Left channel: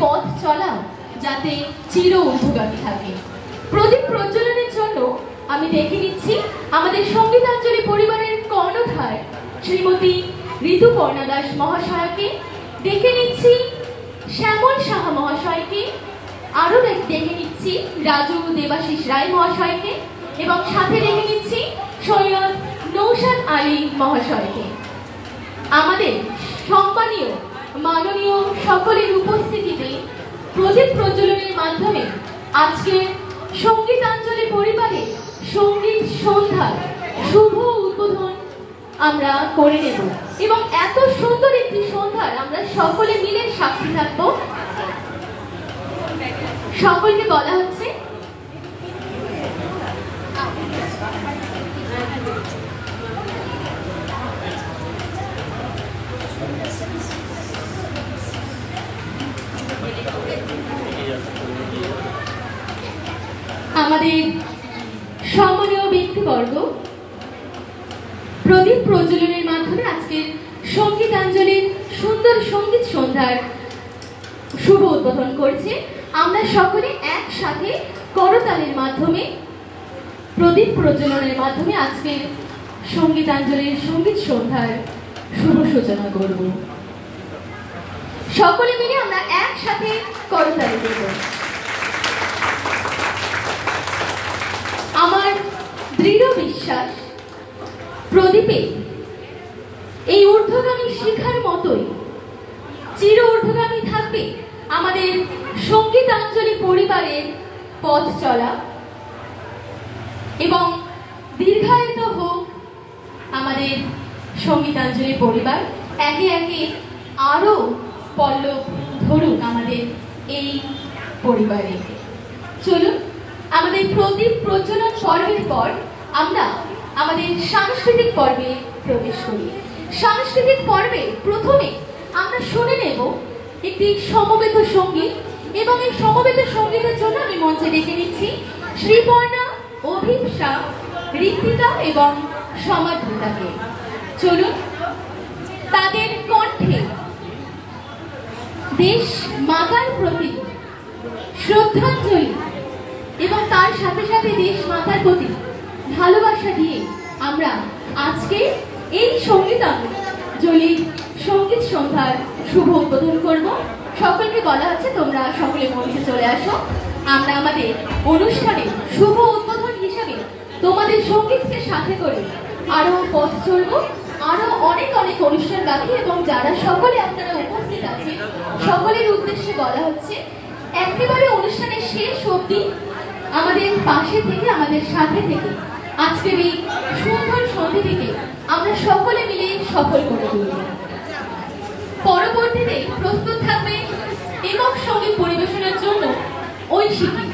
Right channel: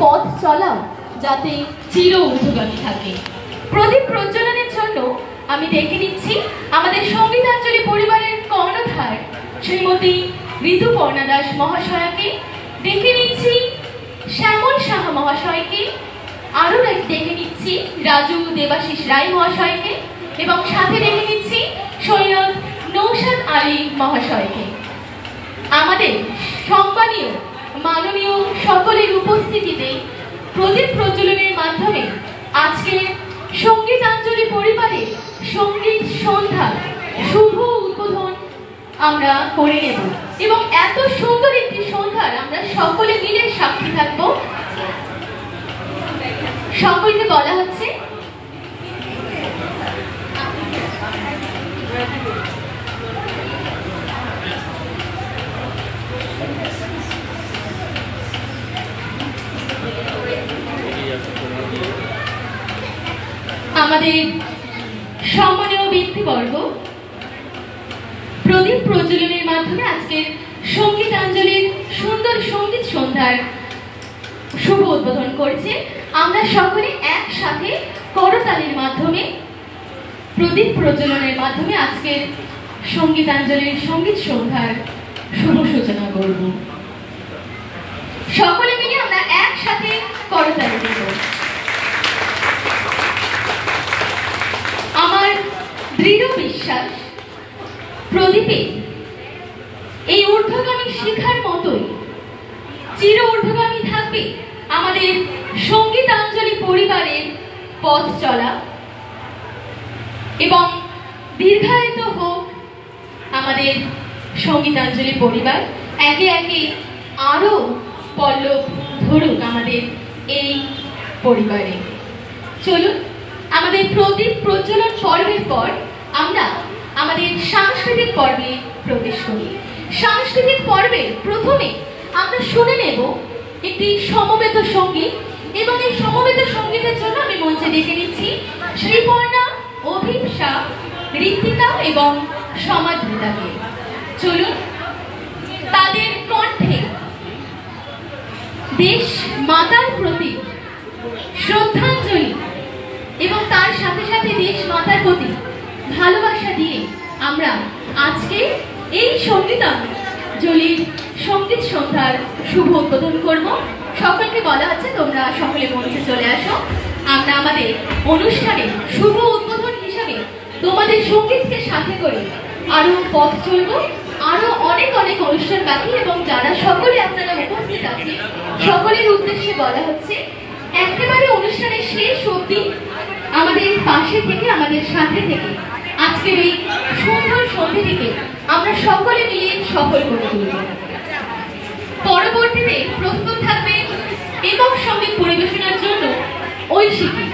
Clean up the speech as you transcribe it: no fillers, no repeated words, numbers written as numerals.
পথ চলাও যাতে চির ঊর্ধ্বগামী থাকে। প্রদীপ প্রজ্বলনের জন্য আমি ডেকে নিচ্ছি আমাদের সঙ্গীতাঞ্জলি পরিবারের কর্ণধার শ্রীমতী ঋতুপর্ণা দাস মহাশয়াকে, ডেকে নিচ্ছি শ্যামল সাহা মহাশয়কে, আরো ডেকে নিচ্ছি রাজু দেবাশিস রায় মহাশয়কে এবং সাথে ডেকে নিচ্ছি সৈয়দ নৌশাদ আলী মহাশয়কে। আমাদের সম্মানীয় মাননীয় সকলের উপস্থিতিতে প্রদীপ প্রজ্বলনের মাধ্যমে আজকে সঙ্গীতাঞ্জলি পরিবারের সঙ্গীত সন্ধ্যা শুভ উদ্বোধন আমরা করে নেব এবং এত সুন্দর একটি সন্ধ্যার আমরা সকলে মিলে সাক্ষী থাকবো। সকলকে বলা হচ্ছে আমাদের সম্মানীয় ব্যক্তিবর্গ প্রদীপ প্রজ্বলনের মাধ্যমে আজকের সঙ্গীতাঞ্জলির সুন্দর সঙ্গীত সন্ধ্যার শুভ উদ্বোধন করছে। আমরা সকলে একসাথে করতালির মাধ্যমে প্রদীপ প্রজ্বলনের মাধ্যমে আজকের সঙ্গীতাঞ্জলির সঙ্গীত সন্ধ্যার শুভ সূচনা করব। সকলে মিলে আমরা একসাথে করতালি দেব। আমার দৃঢ় বিশ্বাস প্রদীপে এই ঊর্ধ্বগামী শিখার মতোই চির ঊর্ধ্বগামী থাকবে আমাদের সঙ্গীতাঞ্জলি পরিবারের পথ চলা এবং দীর্ঘায়িত হোক আমাদের সঙ্গীতাঞ্জলি পরিবার, একে একে আরো পল্লব ধরুক আমাদের এই পরিবারে। চলুন আমাদের প্রদীপ প্রজ্বলন পর্বের পর আমরা আমাদের সাংস্কৃতিক পর্বে প্রবেশ করি। সাংস্কৃতিক পর্বে প্রথমে আমরা শুনে নেব একটি সমবেত সঙ্গীত এবং এই সমবেত সঙ্গীতের জন্য আমি মঞ্চে ডেকে নিচ্ছি শ্রীপর্ণা, অভিপ্সা, ঋত্বিকা এবং সমাজবিদাকে। চলুন তাদের কণ্ঠে দেশ মাতার প্রতি শ্রদ্ধাঞ্জলি এবং তার সাথে সাথে দেশ মাতার প্রতি ভালোবাসা দিয়ে আমরা আজকে এই সঙ্গীতাঞ্জলির সঙ্গীত সন্ধ্যার শুভ উদ্বোধন করব। সকলকে বলা হচ্ছে তোমরা সকলে মঞ্চে চলে আসো। আমরা আমাদের অনুষ্ঠানে শুভ উদ্বোধন হিসাবে তোমাদের সঙ্গীতকে সাথে করে আরো পথ চলবো, আরো অনেক অনেক অনুষ্ঠান বাকি এবং যারা সকলে আপনারা উপস্থিত আছেন সকলের উদ্দেশ্যে বলা হচ্ছে একেবারে অনুষ্ঠানের শেষ অবধি আমাদের পাশে থেকে আমাদের সাথে থেকে আজকের এই সুন্দর সন্ধ্যাটিকে আমরা সকলে মিলে সফল করে তুলব। পরবর্তীতে প্রস্তুত থাকবে একক সঙ্গীত পরিবেশনার জন্য ঐশিকী।